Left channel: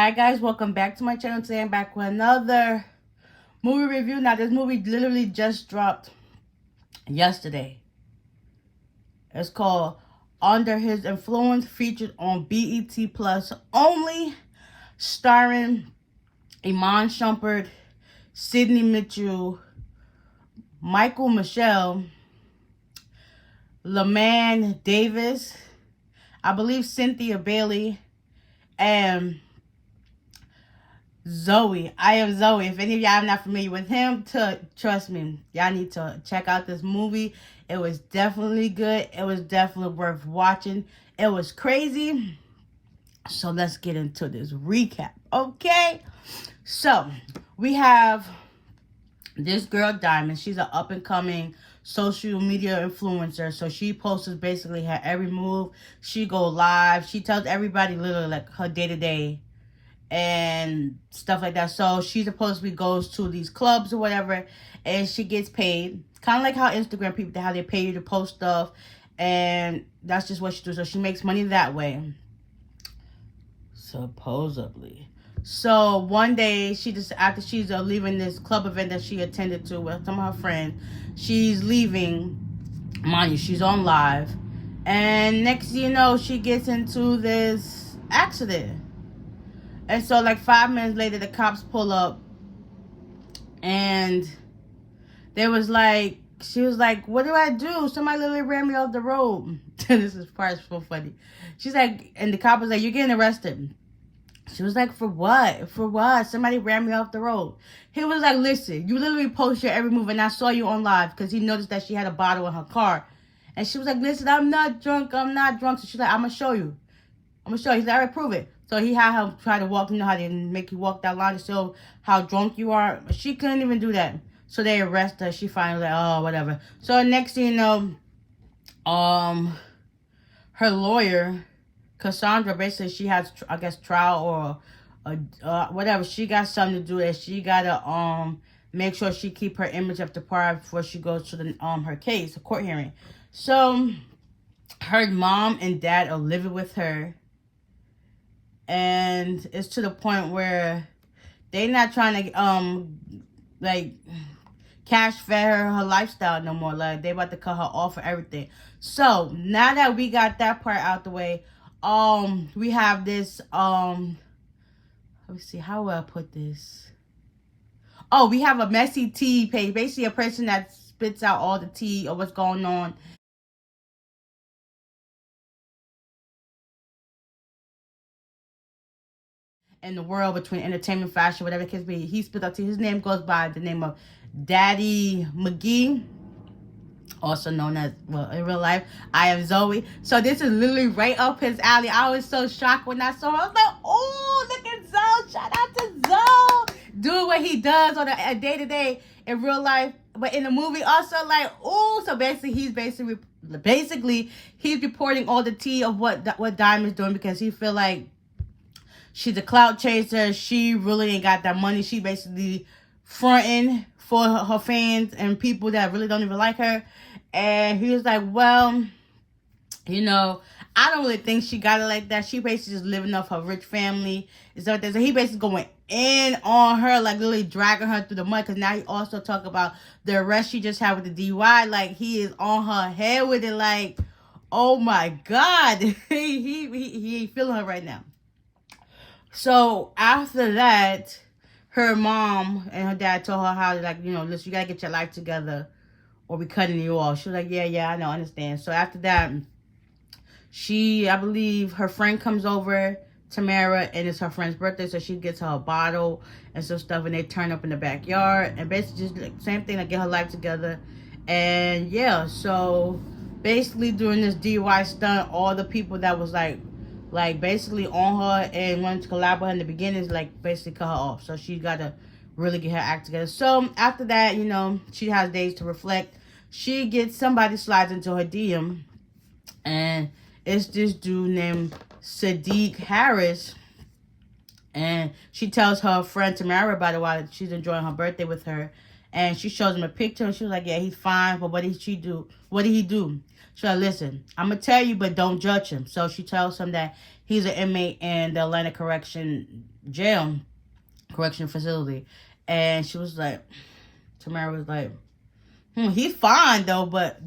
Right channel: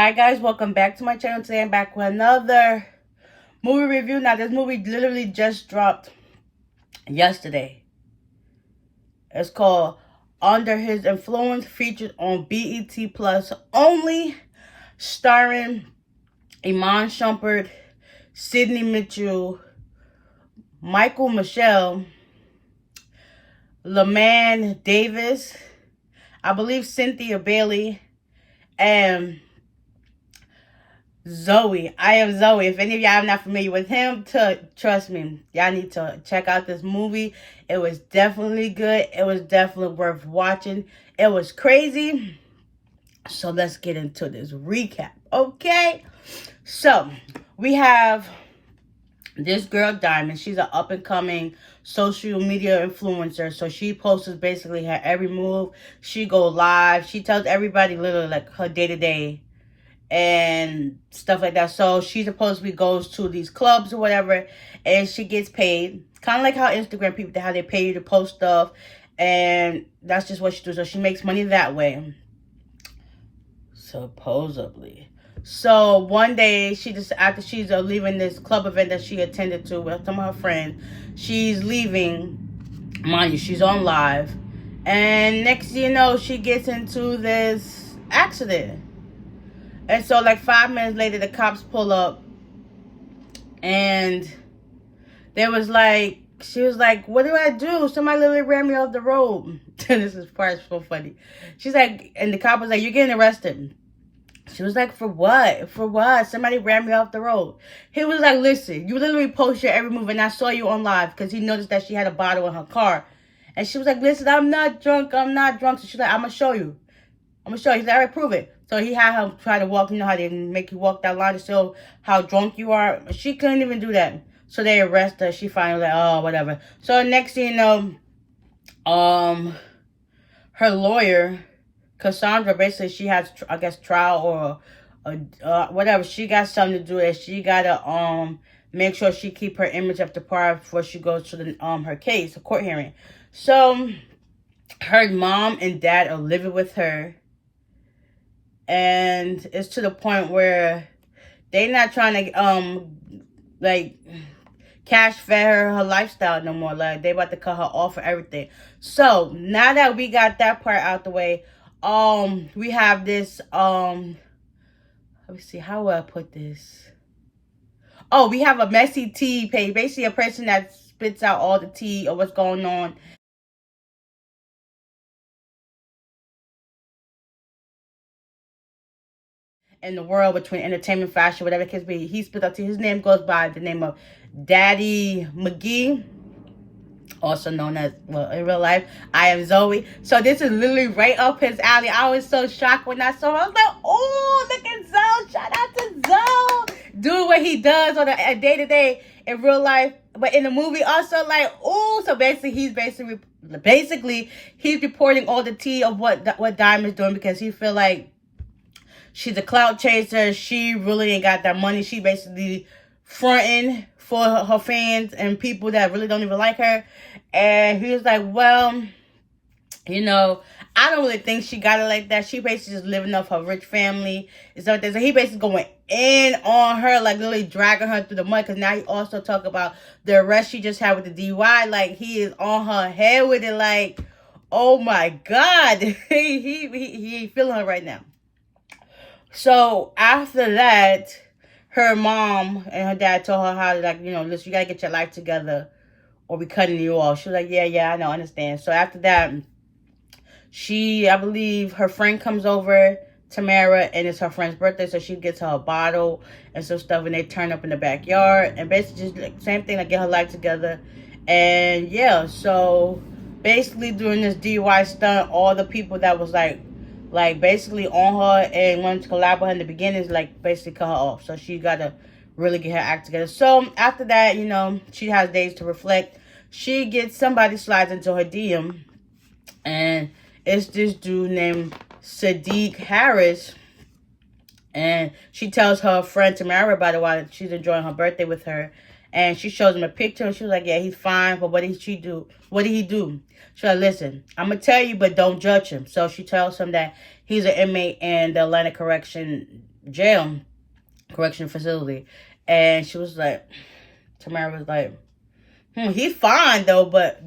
Hi guys, welcome back to my channel. Today I'm back with another movie review. Now this movie literally just dropped yesterday. It's called Under His Influence, featured on BET Plus only, starring Iman Shumpert, Sidney Mitchell, Michael Michelle, LeMan Davis, I believe Cynthia Bailey, and Zoe. I am Zoe. If any of y'all are not familiar with him, trust me, y'all need to check out this movie. It was definitely good. It was definitely worth watching. It was crazy. So let's get into this recap, okay? So we have this girl, Diamond. She's an up-and-coming social media influencer. So she posts basically her every move. She go live. She tells everybody literally like her day-to-day and stuff like that. So she supposedly goes to these clubs or whatever, and she gets paid. Kind of like how Instagram people, how they pay you to post stuff, and that's just what she does. So she makes money that way, supposedly. So one day, she just, after she's leaving this club event that she attended to with some of her friends, she's leaving. Mind you, she's on live, and next thing you know, she gets into this accident. And so, like, 5 minutes later, the cops pull up, and there was like, she was like, what do I do? Somebody literally ran me off the road. This is part so funny. She's like, and the cop was like, you're getting arrested. She was like, for what? For what? Somebody ran me off the road. He was like, listen, you literally post your every move, and I saw you on live, because he noticed that she had a bottle in her car. And she was like, listen, I'm not drunk. I'm not drunk. So she's like, I'm going to show you. I'm going to show you. He's like, all right, prove it. So he had her try to walk, you know how they make you walk that line to show how drunk you are. She couldn't even do that. So they arrest her. She finally like, oh, whatever. So next thing you know, her lawyer, Cassandra, basically she has, I guess, trial or whatever. She got something to do, and she gotta make sure she keep her image up to par before she goes to the her case, the court hearing. So her mom and dad are living with her. And it's to the point where they not trying to like cash fed her lifestyle no more. Like they about to cut her off for everything. So now that we got that part out the way, we have this let me see, how will I put this? Oh, we have a messy tea page, basically a person that spits out all the tea of what's going on in the world between entertainment, fashion, whatever it can be. He spit up to, his name goes by the name of Daddy McGee, also known as, well, in real life, I am Zoe. So this is literally right up his alley. I was so shocked when I saw him. I was like, oh, look at Zoe. Shout out to Zoe. Doing what he does on a day-to-day in real life. But in the movie also, like, oh, so basically he's reporting all the tea of what Diamond's doing, because he feel like she's a clout chaser. She really ain't got that money. She basically fronting for her fans and people that really don't even like her. And he was like, well, you know, I don't really think she got it like that. She basically just living off her rich family and stuff like that. So he basically going in on her, like literally dragging her through the mud. Because now he also talk about the arrest she just had with the DUI. Like, he is on her head with it. Like, oh my God. he ain't feeling her right now. So after that, her mom and her dad told her how, like, you know, listen, you gotta get your life together or we cutting you off. She was like, yeah, I know, I understand. So after that, I believe her friend comes over, Tamara, and it's her friend's birthday, so she gets her a bottle and some stuff, and they turn up in the backyard, and basically just like, same thing, like get her life together. And yeah, so basically during this DUI stunt, all the people that was like basically on her and wanted to collab with her in the beginning is like basically cut her off. So she got to really get her act together. So after that, you know, she has days to reflect. She gets, somebody slides into her DM, and it's this dude named Sadiq Harris. And she tells her friend Tamara about it while she's enjoying her birthday with her. And she shows him a picture, and she was like, yeah, he's fine, but what did she do? What did he do? She's like, listen, I'm going to tell you, but don't judge him. So she tells him that he's an inmate in the Atlanta Correction facility. And she was like, Tamara was like, he's fine, though, but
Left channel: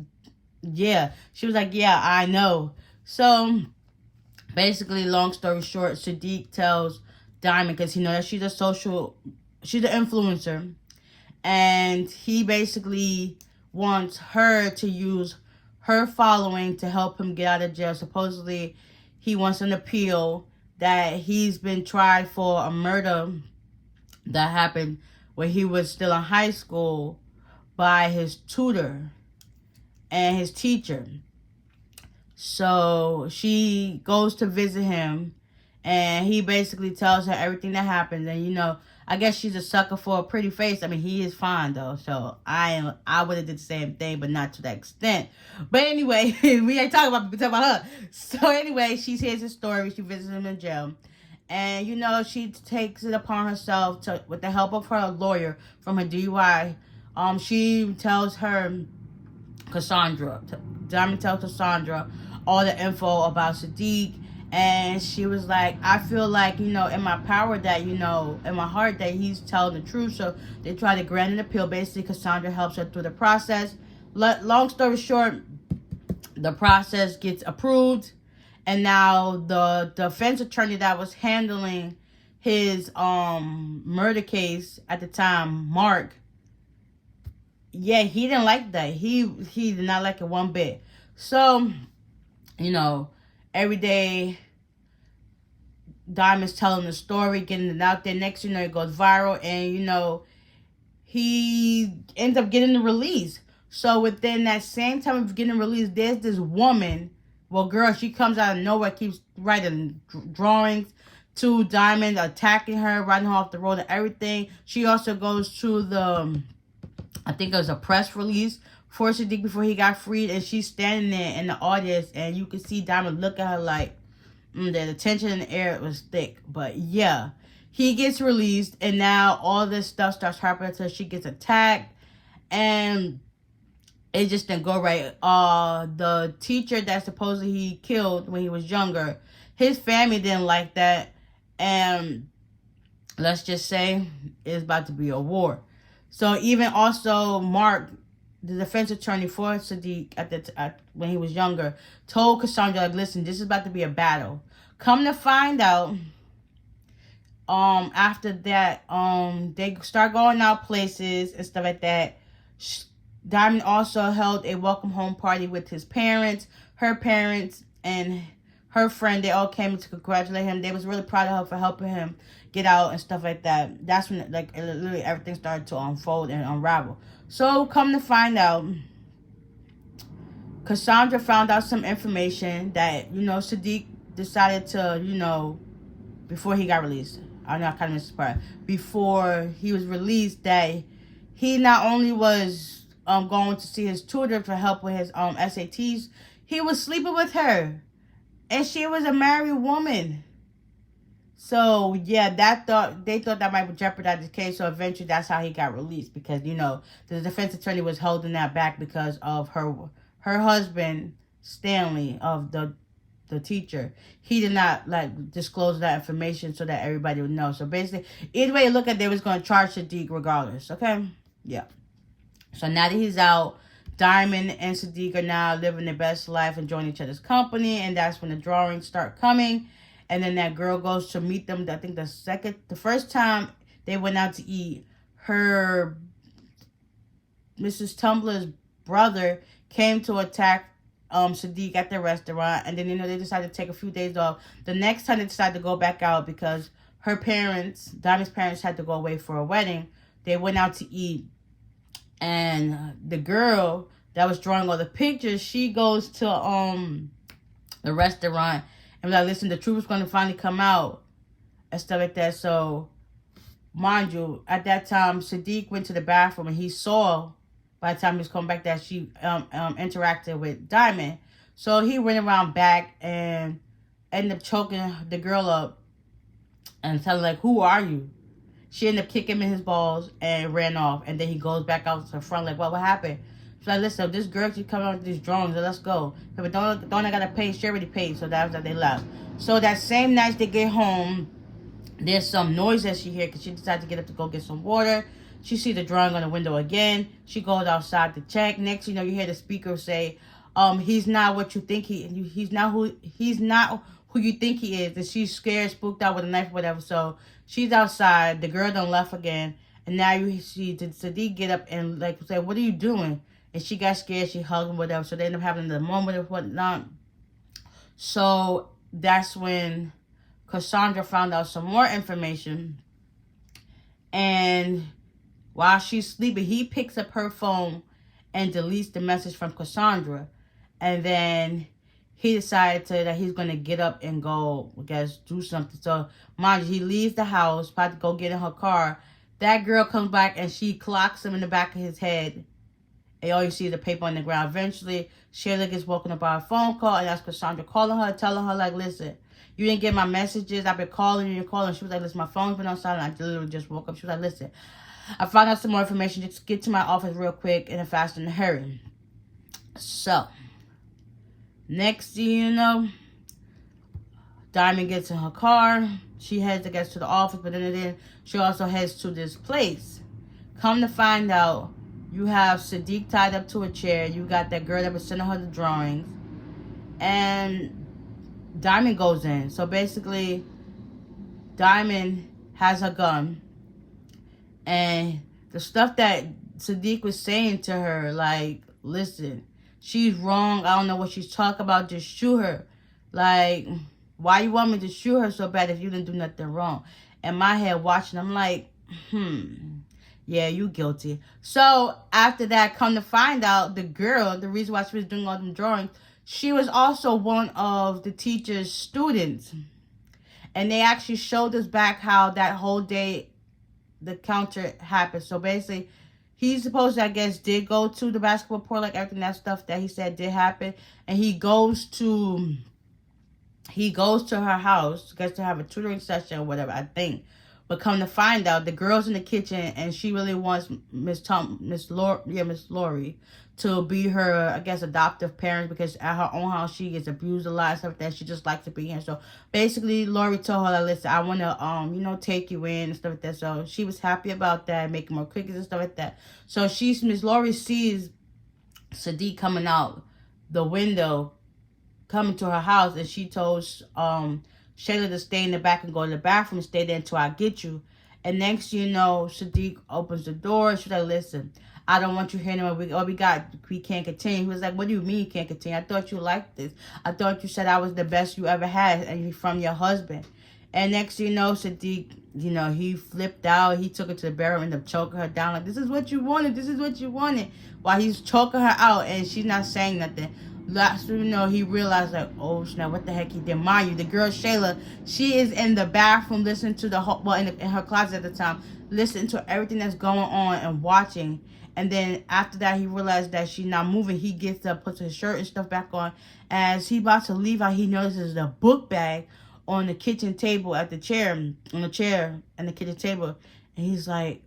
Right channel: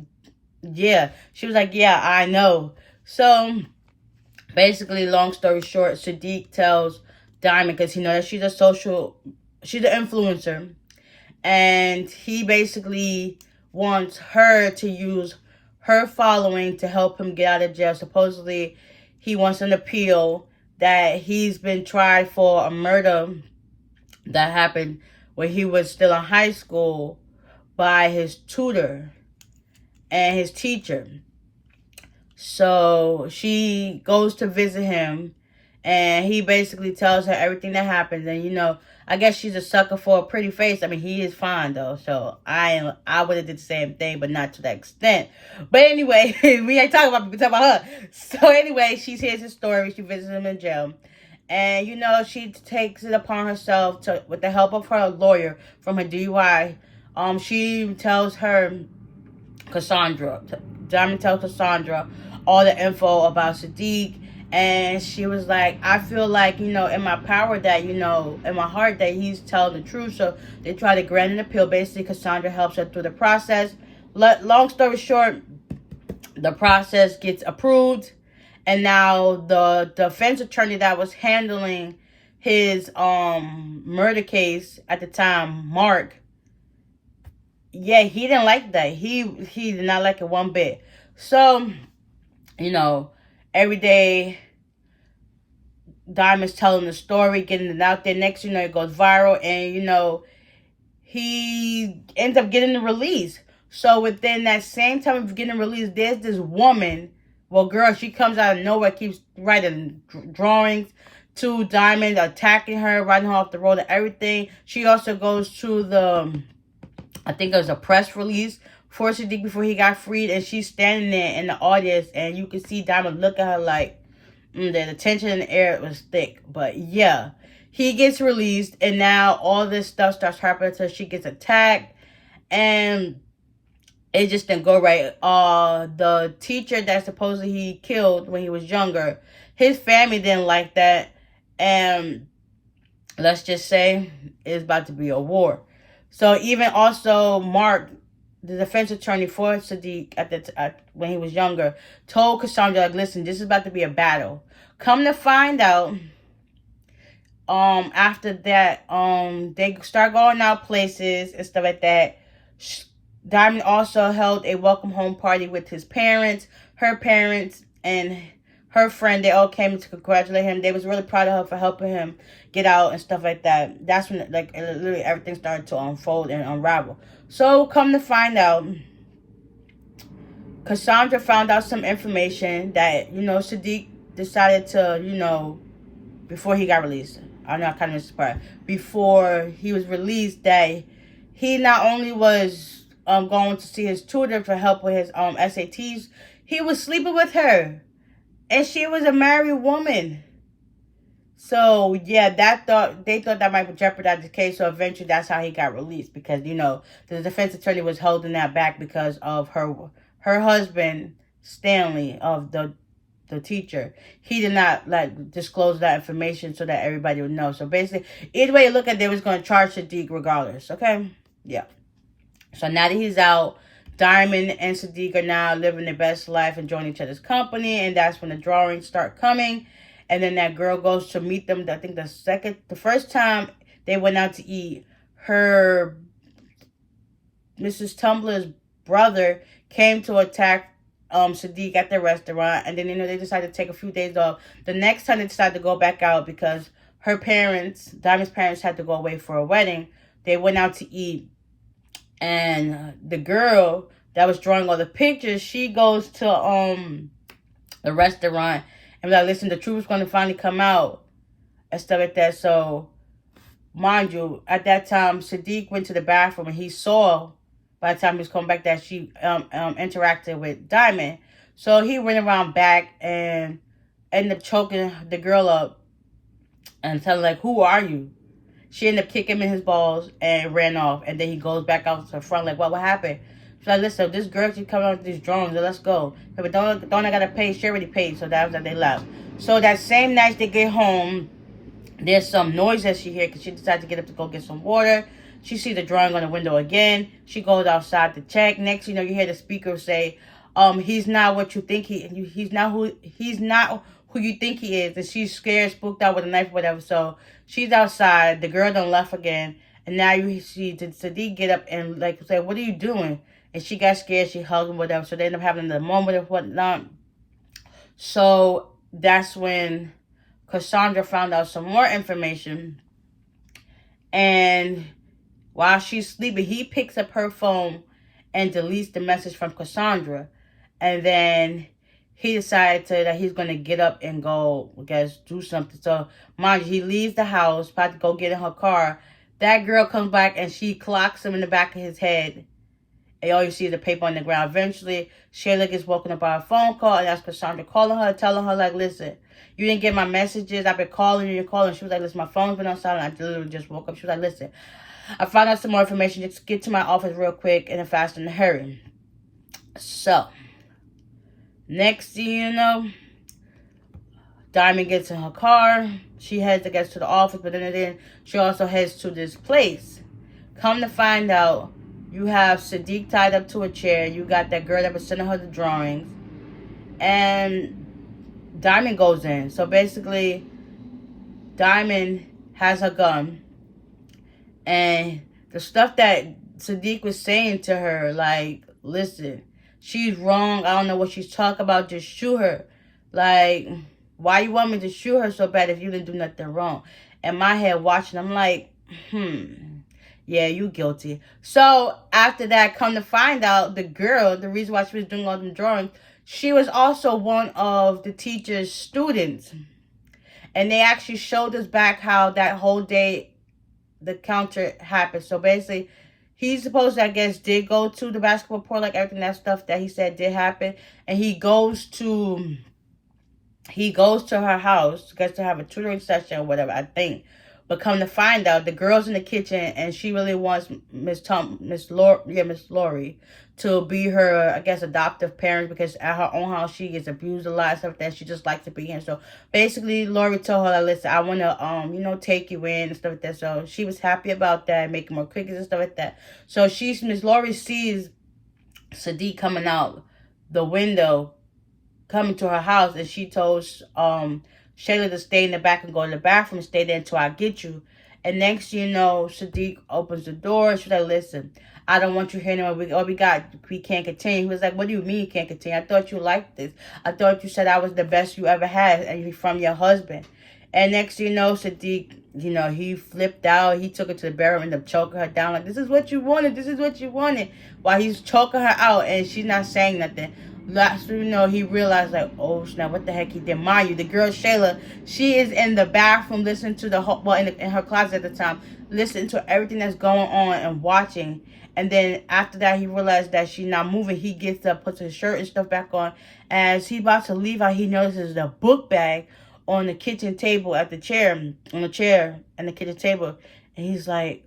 yeah. She was like, yeah, I know. So basically, long story short, Sadiq tells Diamond, because he knows that she's an influencer, and he basically wants her to use her following to help him get out of jail. Supposedly, he wants an appeal that he's been tried for a murder that happened when he was still in high school by his tutor and his teacher. So she goes to visit him, and he basically tells her everything that happens. And, I guess she's a sucker for a pretty face. I mean, he is fine, though. So I would have did the same thing, but not to that extent. But anyway, we ain't talking about her. So anyway, she hears his story. She visits him in jail. And, she takes it upon herself to, with the help of her lawyer from her DUI. She tells her, Diamond tells Cassandra all the info about Sadiq. And she was like, I feel like, in my power that, in my heart that he's telling the truth. So they try to grant an appeal. Basically, Cassandra helps her through the process. Long story short, the process gets approved. And now the defense attorney that was handling his murder case at the time, Mark, yeah, he didn't like that. He did not like it one bit. So, every day, Diamond's telling the story, getting it out there. Next, it goes viral. And, he ends up getting the release. So, within that same time of getting released, there's this woman. Well, girl, she comes out of nowhere, keeps writing drawings to Diamond, attacking her, riding her off the road and everything. She also goes to I think it was a press release for Sadiq before he got freed. And she's standing there in the audience, and you can see Diamond look at her like, the tension in the air was thick. But yeah, he gets released, and now all this stuff starts happening to her. She gets attacked, and it just didn't go right. The teacher that supposedly he killed when he was younger, his family didn't like that, and let's just say it's about to be a war. So even also Mark, the defense attorney for Sadiq when he was younger, told Cassandra, like, listen, this is about to be a battle. Come to find out, after that, they start going out places and stuff like that. Diamond also held a welcome home party with his parents, her parents, and her friend. They all came to congratulate him. They was really proud of her for helping him get out and stuff like that. That's when, literally everything started to unfold and unravel. So, come to find out, Cassandra found out some information that, Sadiq decided to, before he got released. I know I kind of missed this part. Before he was released, that he not only was going to see his tutor for help with his SATs, he was sleeping with her. And she was a married woman. So, yeah, they thought that might jeopardize the case. So, eventually, that's how he got released. Because, the defense attorney was holding that back because of her husband, Stanley, of the teacher. He did not, disclose that information so that everybody would know. So, basically, either way you look at it, they was going to charge Sadiq regardless. Okay? Yeah. So, now that he's out, Diamond and Sadiq are now living their best life, enjoying each other's company. And that's when the drawings start coming. And then that girl goes to meet them. I think the first time they went out to eat, her Mrs. Tumblr's brother came to attack Sadiq at the restaurant. And then, they decided to take a few days off. The next time they decided to go back out because her parents, Diamond's parents, had to go away for a wedding. They went out to eat. And the girl that was drawing all the pictures, she goes to the restaurant and be like, listen, the truth is going to finally come out and stuff like that. So, mind you, at that time, Sadiq went to the bathroom and he saw, by the time he was coming back, that she interacted with Diamond. So, he went around back and ended up choking the girl up and telling, like, who are you? She ended up kicking him in his balls and ran off. And then he goes back out to the front like, what happened? She's like, listen, this girl keeps coming out with these drawings, so let's go. But don't I gotta pay? She already paid, so that was that they left. So that same night they get home, there's some noise that she hears because she decided to get up to go get some water. She sees the drawing on the window again. She goes outside to check. Next, you hear the speaker say, he's not what you think he's not who you think he is. And she's scared, spooked out with a knife or whatever. So she's outside. The girl done left again. And now you see Sadiq get up and like say, what are you doing? And she got scared. She hugged him, whatever. So they end up having the moment of whatnot. So that's when Cassandra found out some more information. And while she's sleeping, he picks up her phone and deletes the message from Cassandra. And then he decided that he's going to get up and go, I guess, do something. So, mind you, he leaves the house, about to go get in her car. That girl comes back and she clocks him in the back of his head. And all you see is the paper on the ground. Eventually, Shayla gets woken up by a phone call. And that's Cassandra calling her, telling her, like, listen, you didn't get my messages. I've been calling you. You're calling. She was like, listen, my phone's been on silent. I literally just woke up. She was like, listen, I found out some more information. Just get to my office real quick and fast in a hurry. So, next thing you know, Diamond gets in her car. She heads, I guess, to the office. But then she also heads to this place. Come to find out, you have Sadiq tied up to a chair. You got that girl that was sending her the drawings. And Diamond goes in. So basically, Diamond has her gun. And the stuff that Sadiq was saying to her, like, listen, she's wrong. I don't know what she's talking about. Just shoot her. Like, why you want me to shoot her so bad if you didn't do nothing wrong? In my head, watching, I'm like, yeah, you guilty. So after that, come to find out, the girl, the reason why she was doing all them drawings, she was also one of the teacher's students. And they actually showed us back how that whole day the counter happened. So basically, he supposed to, I guess, did go to the basketball court, like everything, that stuff that he said did happen. And he goes to her house, gets to have a tutoring session or whatever, I think. But come to find out, the girl's in the kitchen and she really wants Miss Lori to be her, I guess, adoptive parent, because at her own house she gets abused a lot and stuff like that. She just likes to be here. So basically, Lori told her, listen, I want to, take you in and stuff like that. So she was happy about that, making more cookies and stuff like that. So Miss Lori sees Sadiq coming out the window, coming to her house, and she told Shayla to stay in the back and go to the bathroom and stay there until I get you. And next you know, Sadiq opens the door. She's like, listen, I don't want you here anymore. We can't continue. He was like, what do you mean you can't continue? I thought you liked this. I thought you said I was the best you ever had and from your husband. And next you know, Sadiq, he flipped out. He took her to the bedroom and ended up choking her down. Like, this is what you wanted. This is what you wanted. While he's choking her out and she's not saying nothing. Last he realized, like, oh snap, what the heck he did. Mind you, the girl Shayla, she is in the bathroom listening to in her closet at the time, listening to everything that's going on and watching. And then after that, he realized that she's not moving. He gets up, puts his shirt and stuff back on. As he about to leave out, he notices the book bag on the kitchen table on the chair and the kitchen table. And he's like,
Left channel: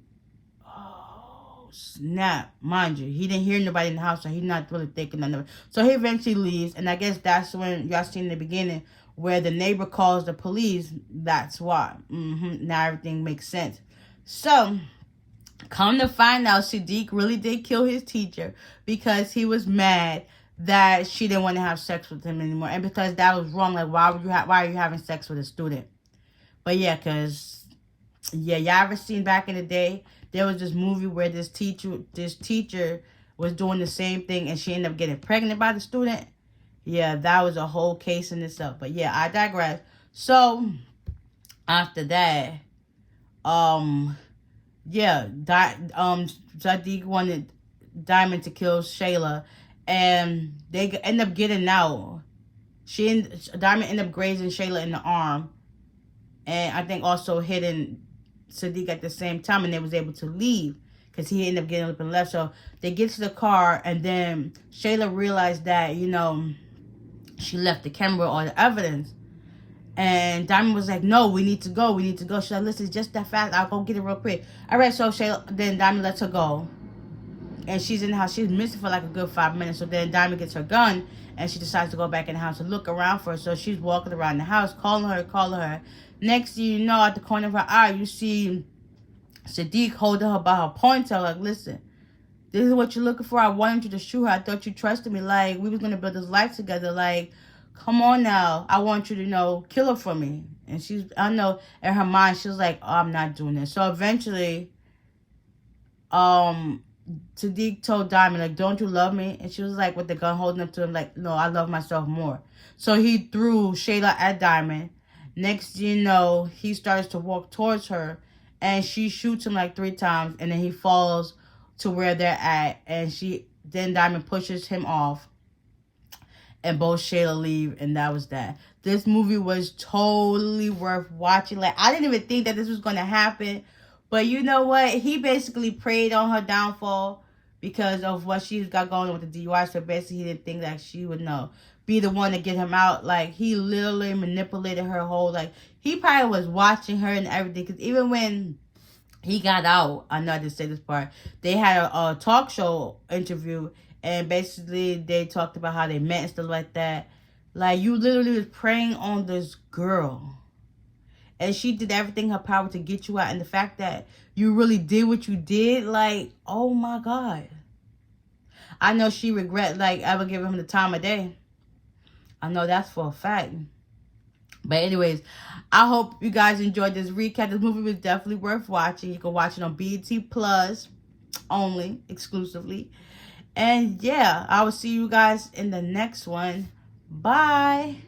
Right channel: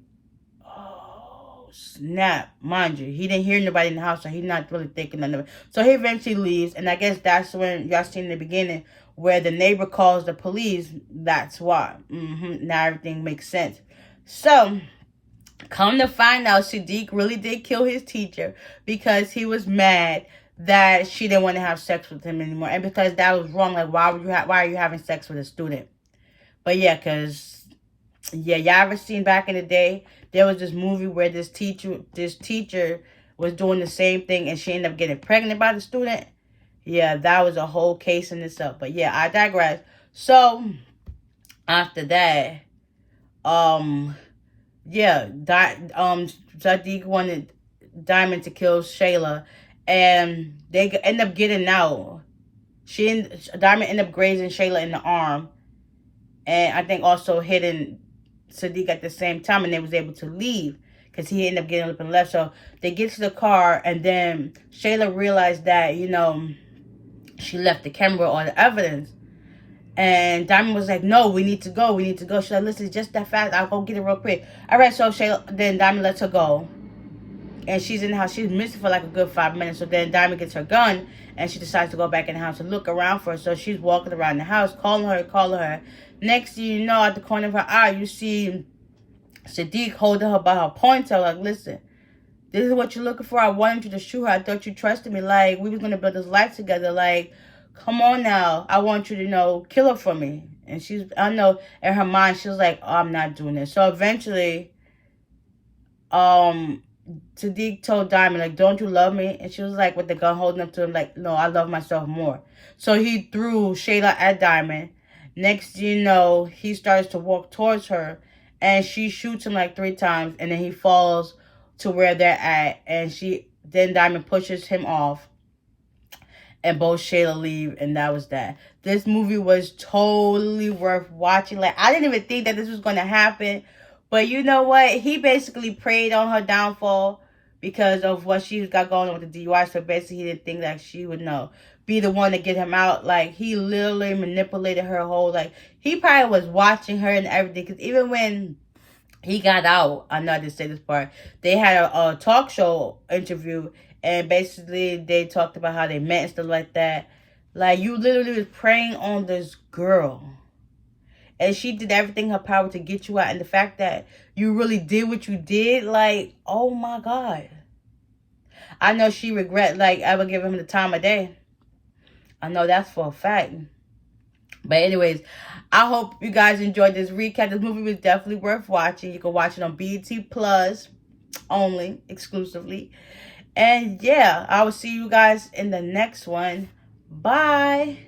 snap. Mind you, he didn't hear nobody in the house, so he's not really thinking none of it. So he eventually leaves, and I guess that's when y'all seen in the beginning where the neighbor calls the police. That's why. Now everything makes sense. So come to find out, Sadiq really did kill his teacher because he was mad that she didn't want to have sex with him anymore, and because that was wrong. Like, why are you having sex with a student? But yeah, y'all ever seen back in the day? There was this movie where this teacher was doing the same thing and she ended up getting pregnant by the student. Yeah, that was a whole case in itself. But yeah, I digress. So after that, Sadiq wanted Diamond to kill Shayla, and they end up getting out. Diamond ended up grazing Shayla in the arm, and I think also hitting Sadiq at the same time, and they was able to leave because he ended up getting up and left. So they get to the car, and then Shayla realized that, she left the camera or the evidence. And Diamond was like, no, we need to go. We need to go. She's like, listen, just that fast. I'll go get it real quick. All right, so then Diamond lets her go. And she's in the house. She's missing for like a good 5 minutes. So then Diamond gets her gun. And she decides to go back in the house to look around for her. So she's walking around the house, calling her. Next thing you know, at the corner of her eye, you see Sadiq holding her by her ponytail. Like, listen, this is what you're looking for. I wanted you to shoot her. I thought you trusted me. Like, we was going to build this life together. Like, come on now. I want you to, kill her for me. And I know, in her mind, she was like, oh, I'm not doing this. So eventually, Sadiq told Diamond, like, don't you love me? And she was like, with the gun holding up to him, like, no, I love myself more. So he threw Shayla at Diamond. Next thing you know, he starts to walk towards her. And she shoots him like 3 times. And then he falls to where they're at. And then Diamond pushes him off. And both Shayla leave. And that was that. This movie was totally worth watching. Like, I didn't even think that this was going to happen. But you know what? He basically preyed on her downfall because of what she's got going on with the DUI. So basically, he didn't think that she would be the one to get him out. Like, he literally manipulated her whole, like, he probably was watching her and everything. Because even when he got out, I know I didn't say this part, they had a talk show interview. And basically, they talked about how they met and stuff like that. Like, you literally was preying on this girl. And she did everything in her power to get you out. And the fact that you really did what you did, like, oh my God. I know she regret, like, ever giving him the time of day. I know that's for a fact. But anyways, I hope you guys enjoyed this recap. This movie was definitely worth watching. You can watch it on BET Plus only, exclusively. And yeah, I will see you guys in the next one. Bye.